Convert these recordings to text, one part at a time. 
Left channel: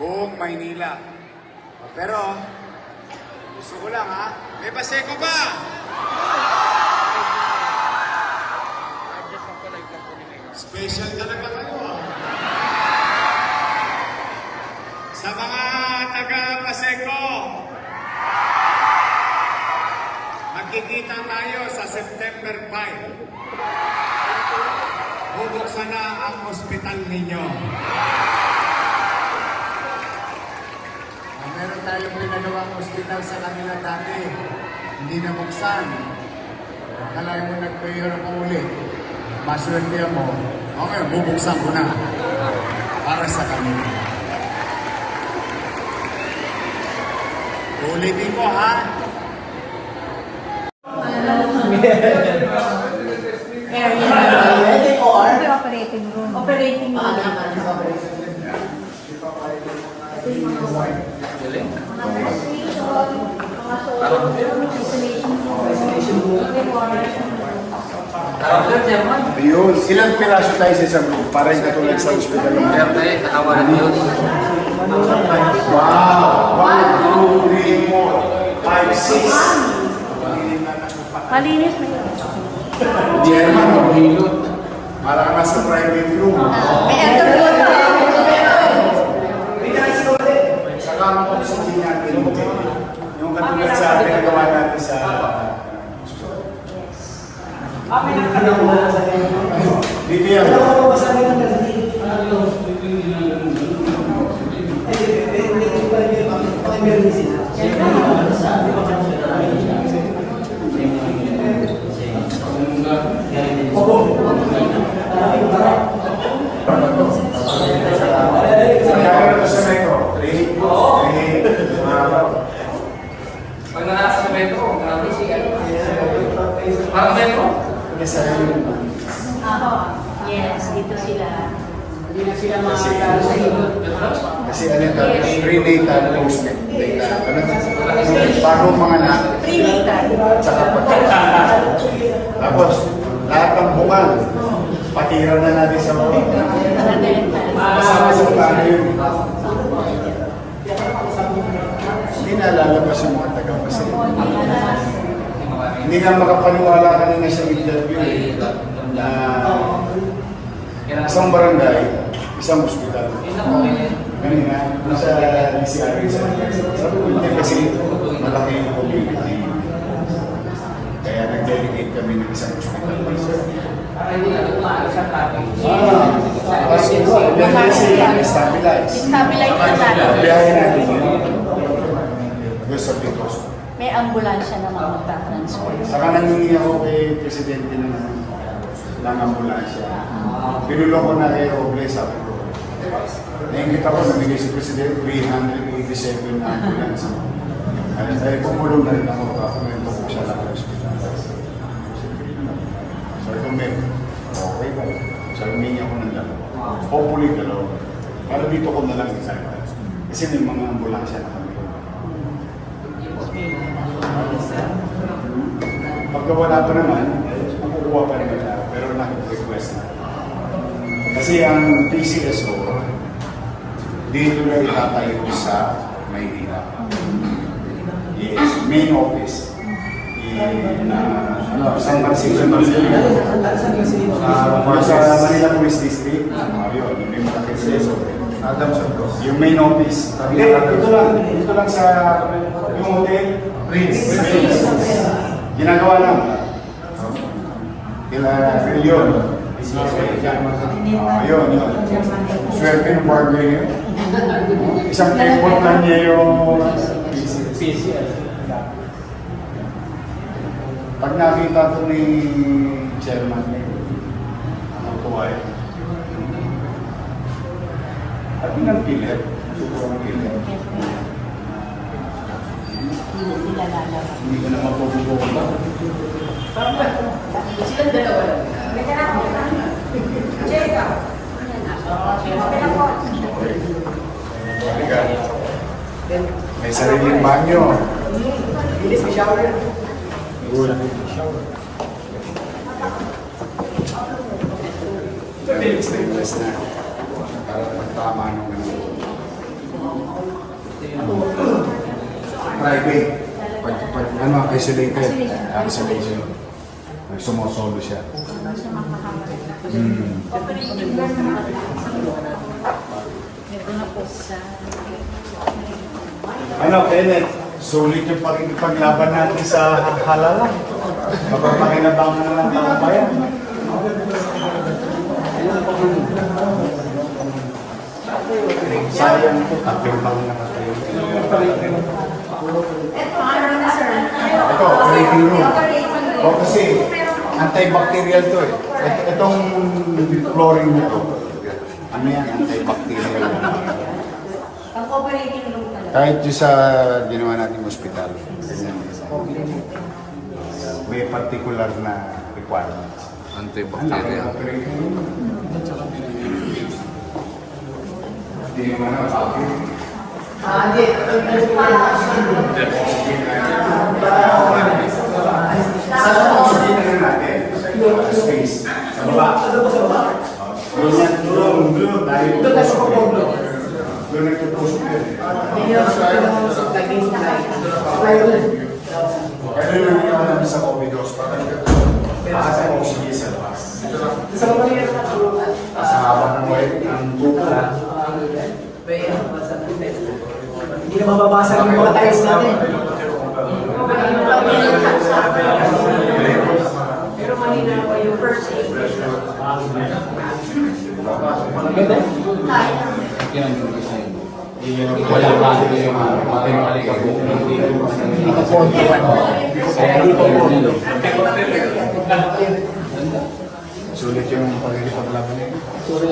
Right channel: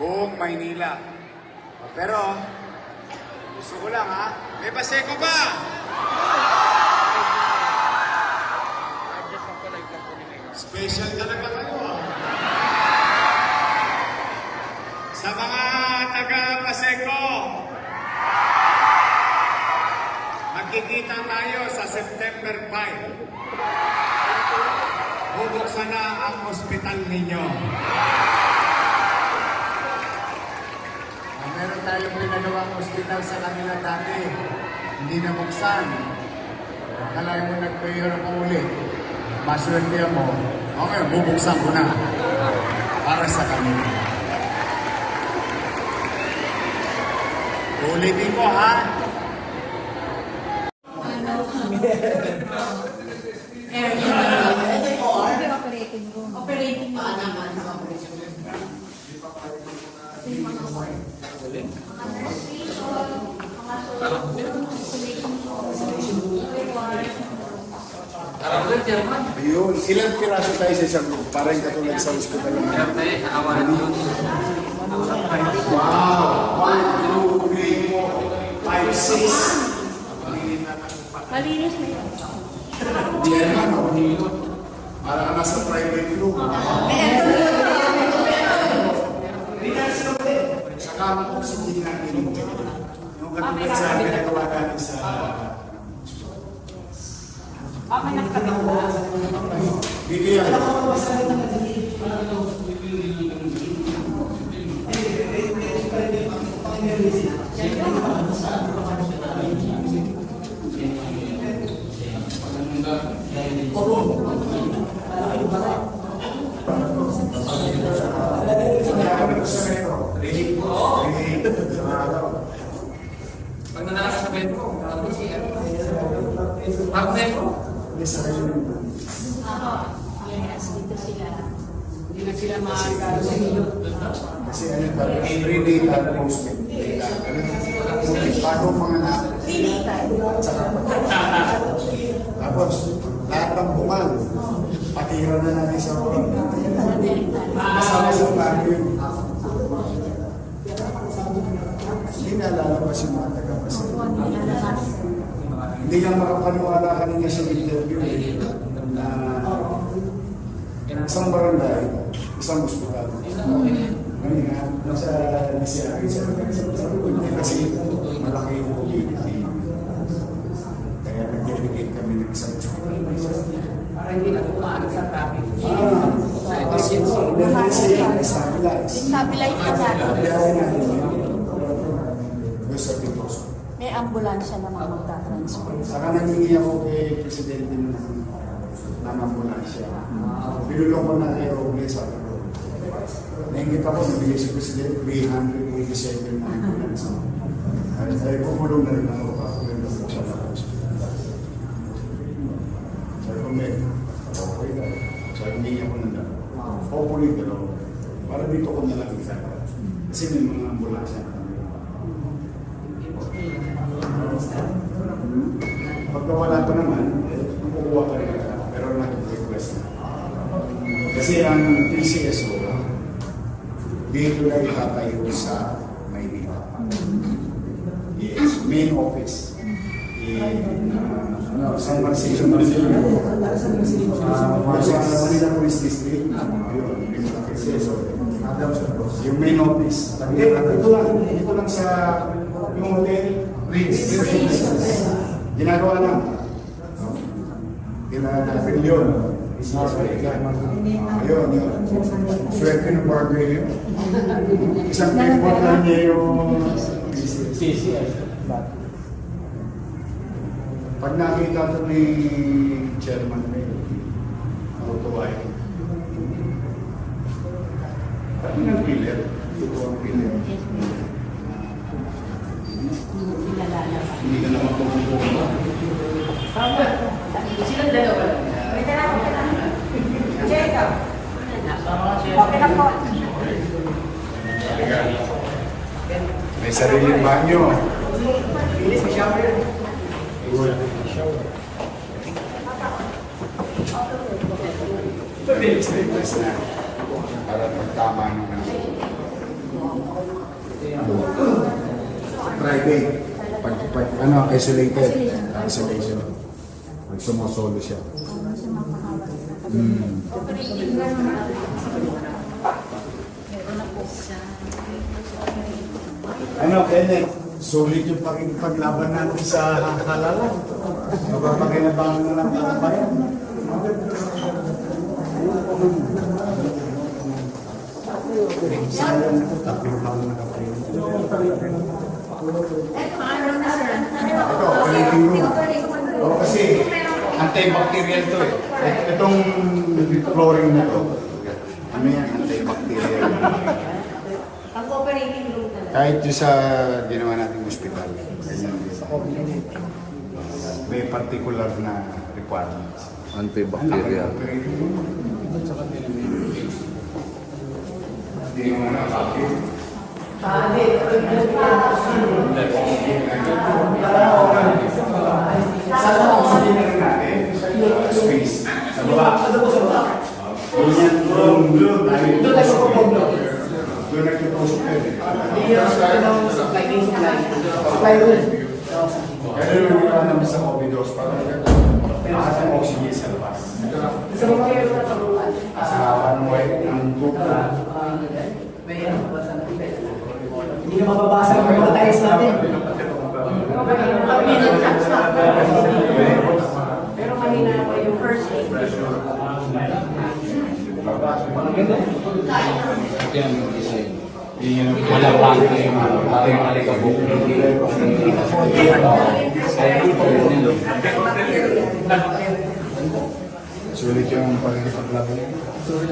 buong Maynila. Pero, gusto ko lang ha, may Paseco ba? Special talaga kayo ha. Sa mga taga-Paseco, magkikita tayo sa September 5. Bubuksan na ang ospital ninyo. Meron tayong ginagawang ospital sa kanila dati. Hindi na buksan. Kalahin mo nagpahirap mo ulit. Maswerte mo. Okay, bubuksan ko na. Para sa kanila. Ulitin ko ha. Area na operating room. Operating room. Yun, ilang piraso tayo sa isang room para yung katulad sa hospital? Wow! 1, 2, 3, 4, 5, 6. Malinis mo yun. Chairman, parang nasa private room. Saka ang oxygen natin, yung katulad sa pinagawa natin sa dito yan. Pag nanasa sa metro, marami siya. Parang metro? Yes, dito sila. Hindi na sila makakala sa hilot. Kasi ano ka, prenatal, postnatal. Bago mga anak. Prenatal. Tsaka tapos, lahat ng bukal, patira na natin sa mga. Masama sa plano yun. Hindi na lalabas yung mga taga-pasay. Hindi na makapaniwala kanina sa interview na isang barangay, isang hospital. Ganun nga, nasa DCRA sabi ko, hindi kasi malaki yung problema. Kaya nag-delegate kami ng isang hospital. Para hindi na tumaan sa topic. Kasi stabilize. Stabilize na Biyahe natin yun. Doon sa Picos. May ambulansya na magta-transfer. Saka nangingi ako kay Presidente ng ambulansya. Pinulong ko na kay Robles, sabi ko. Naingit ako, nabigay si Presidente 387 na ambulance. Dahil pumulong na rin ako, kakumento ko siya ng hospital. Sabi ko, okay ba? Sabi, humingi ako ng dalawa. Hopefully, dalawa. Para dito ko na lang isa. Kasi may mga ambulansya na kami. Pagka wala ito naman, makukuha pa rin nila. Pero nag-request na. Kasi ang PCSO, dito na itatayo sa Maynila. Yes, main office. San Francisco. Sa Manila Police District. Yun, yung PCSO. Yung main office. Hindi, dito lang sa yung hotel. Prince. Ginagawa lang. Yun. Yun. Swerte ng barber niya. Isang important niya yung PCS. Pag nakita ito ni chairman niya, tuwa yun. Pati ng pilit. Tutuwa ng pilit. Hindi ka na mapupupo. Silang dalawa lang. Jacob. Okay lang po. May sariling banyo. Good. Stainless na. Para magtama nung ano. Private. Pag ano, isolated. Isolation. Sumosolo siya. Ano, Kenneth? Sulit yung paglaban natin sa halala. Mapapakinabangan na lang ang bayan. Sayang ito, tatlong taon na kayo. Ito, operating room. O kasi, antibacterial to eh. Itong flooring nito, ano yan, antibacterial. Ang operating room talaga. Kahit yung sa ginawa natin hospital, may particular na requirements. Antibacterial. Hindi mo na saan ang oxygen na natin? Space. Sa baba. Doon nagtutusok yun. Kaya doon ang ginawa namin sa COVID hospital. Taas ang oxygen sa labas. Sa haba ng web, ang tubo. Hindi na mababasa yung mga tiles natin. Pero kanina pa yung first aid. Yan yung design. Wala pa ito yung alikabok. Kaya dito yung Sulit yung pagkakipaglaban niya. Sulit.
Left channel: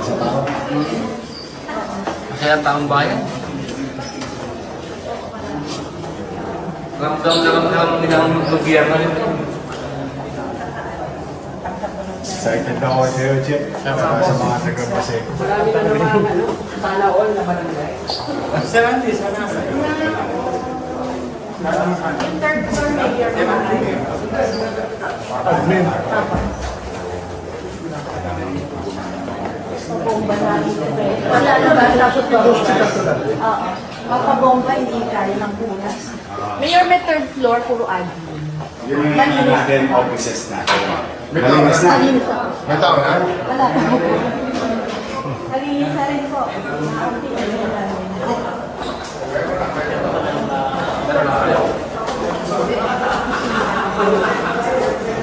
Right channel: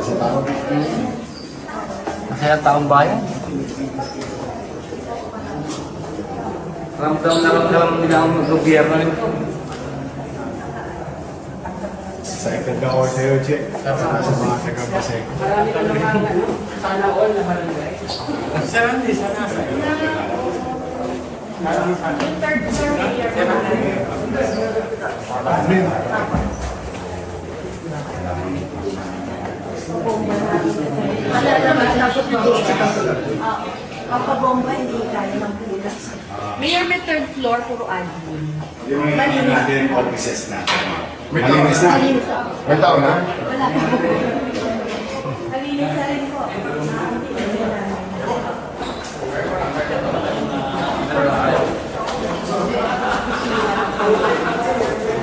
Sa tao. Masaya taong bayan. Ramdam na ramdam din ang gobyerno. Excited ako sa'yo, Che. Saka sa mga taga-Paseco. Marami ka naman, ano, sana all na marami. Amen. Mapabomba, hindi kaya ng punas. Mayor, may third floor, puro admin. Yun yung ano natin, offices natin. Malinis na. May tao na? Wala pa po. Nalinis na rin po.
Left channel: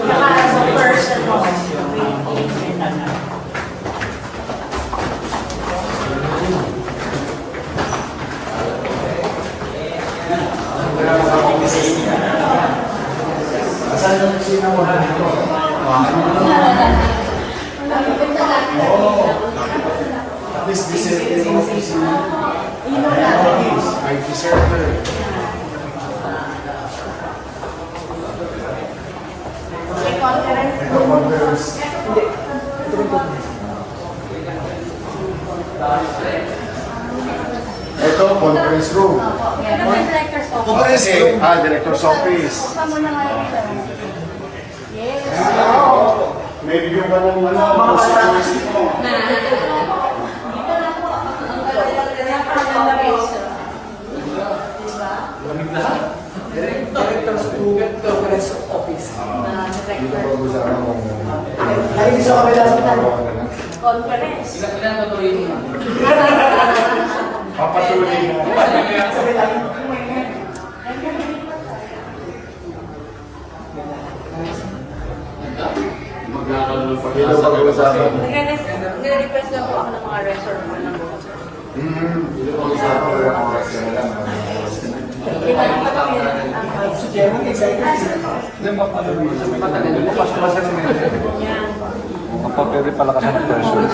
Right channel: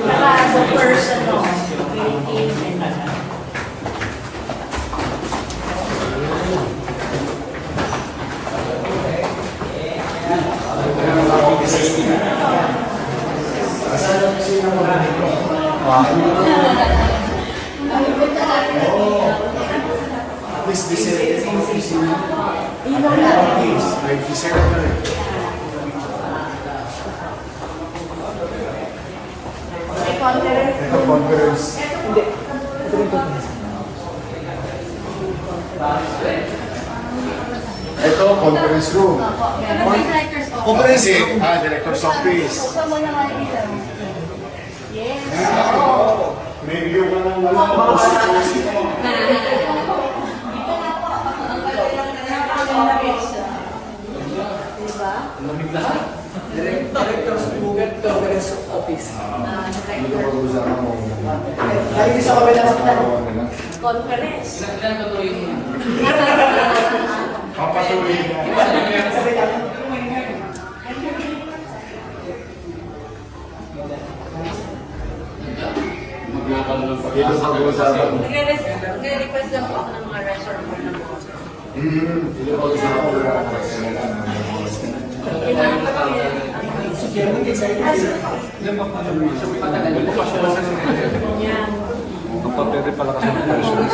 Para sa personal, waiting and Saan ang kusina mo na dito? At least this is yung kusina. IT center. Ito conference. Ito conference room. Ito yung director's office. Conference room. Director's office. Buksan mo na nga dito. Yes. May video ka ng ano? Director's Google Conference Office. Conference. Ay, isa ka ba lang sa Ilan patuloy mo? Papatuloy mo. Dito pag-uusapan. Nire-request lang po ako ng mga reservoir ng bukas. Dito pag-uusapan. Si Chairman, excited. pwede pala kasi ng person.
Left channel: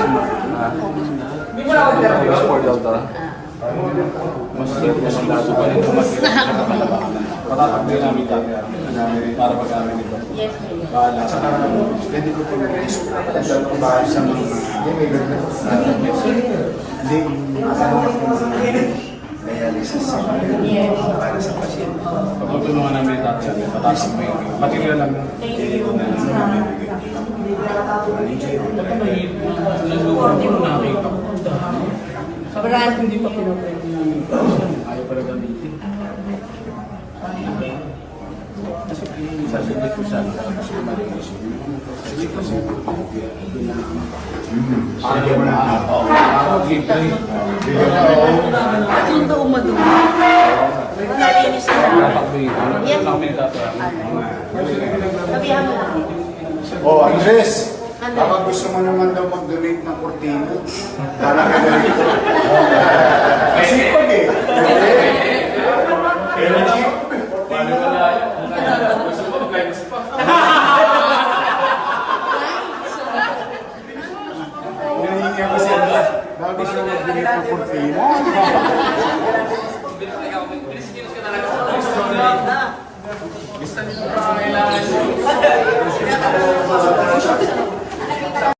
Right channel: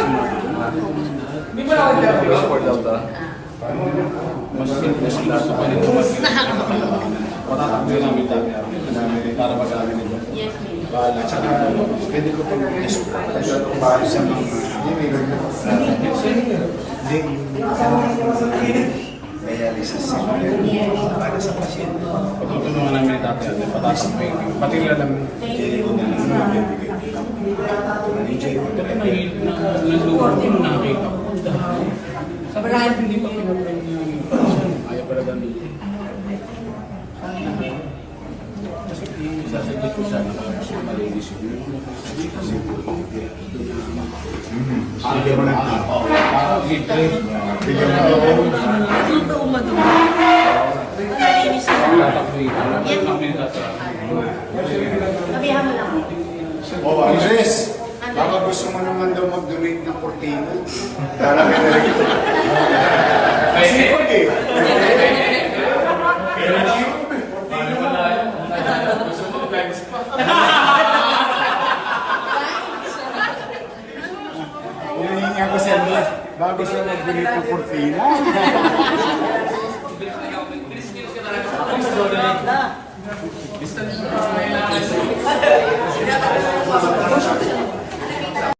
Hindi mo na ako interview. Mas gusto pa rin patatakbuhin namin kami para mag-amin ito. Yes, Mayor. Bahala. Saka, pwede ko pong para sa mga dialysis para sa pasyente. Pagtutulungan namin ito, patatakbuhin. Pati nga lang, Pero may nag-uwan din nakita ko. Sa Sobrang Hindi pa pinapwede yung ayaw pala gamitin. Kasi isasaglit ko siya, tapos ko malinis yun. Kasi Sige mo na. ako, give trade. Bigyan na ako. Dapat dito. Kami dapat. Oh, Andres, baka gusto mo naman daw mag-donate ng kortino. Para ka na rito. Kasi pag eh. Pero Hindi wala yun. Gusto mo mag-lives pa. hinihingi ako si Andres. Baka gusto mo mag-donate ng kortino. Kailangan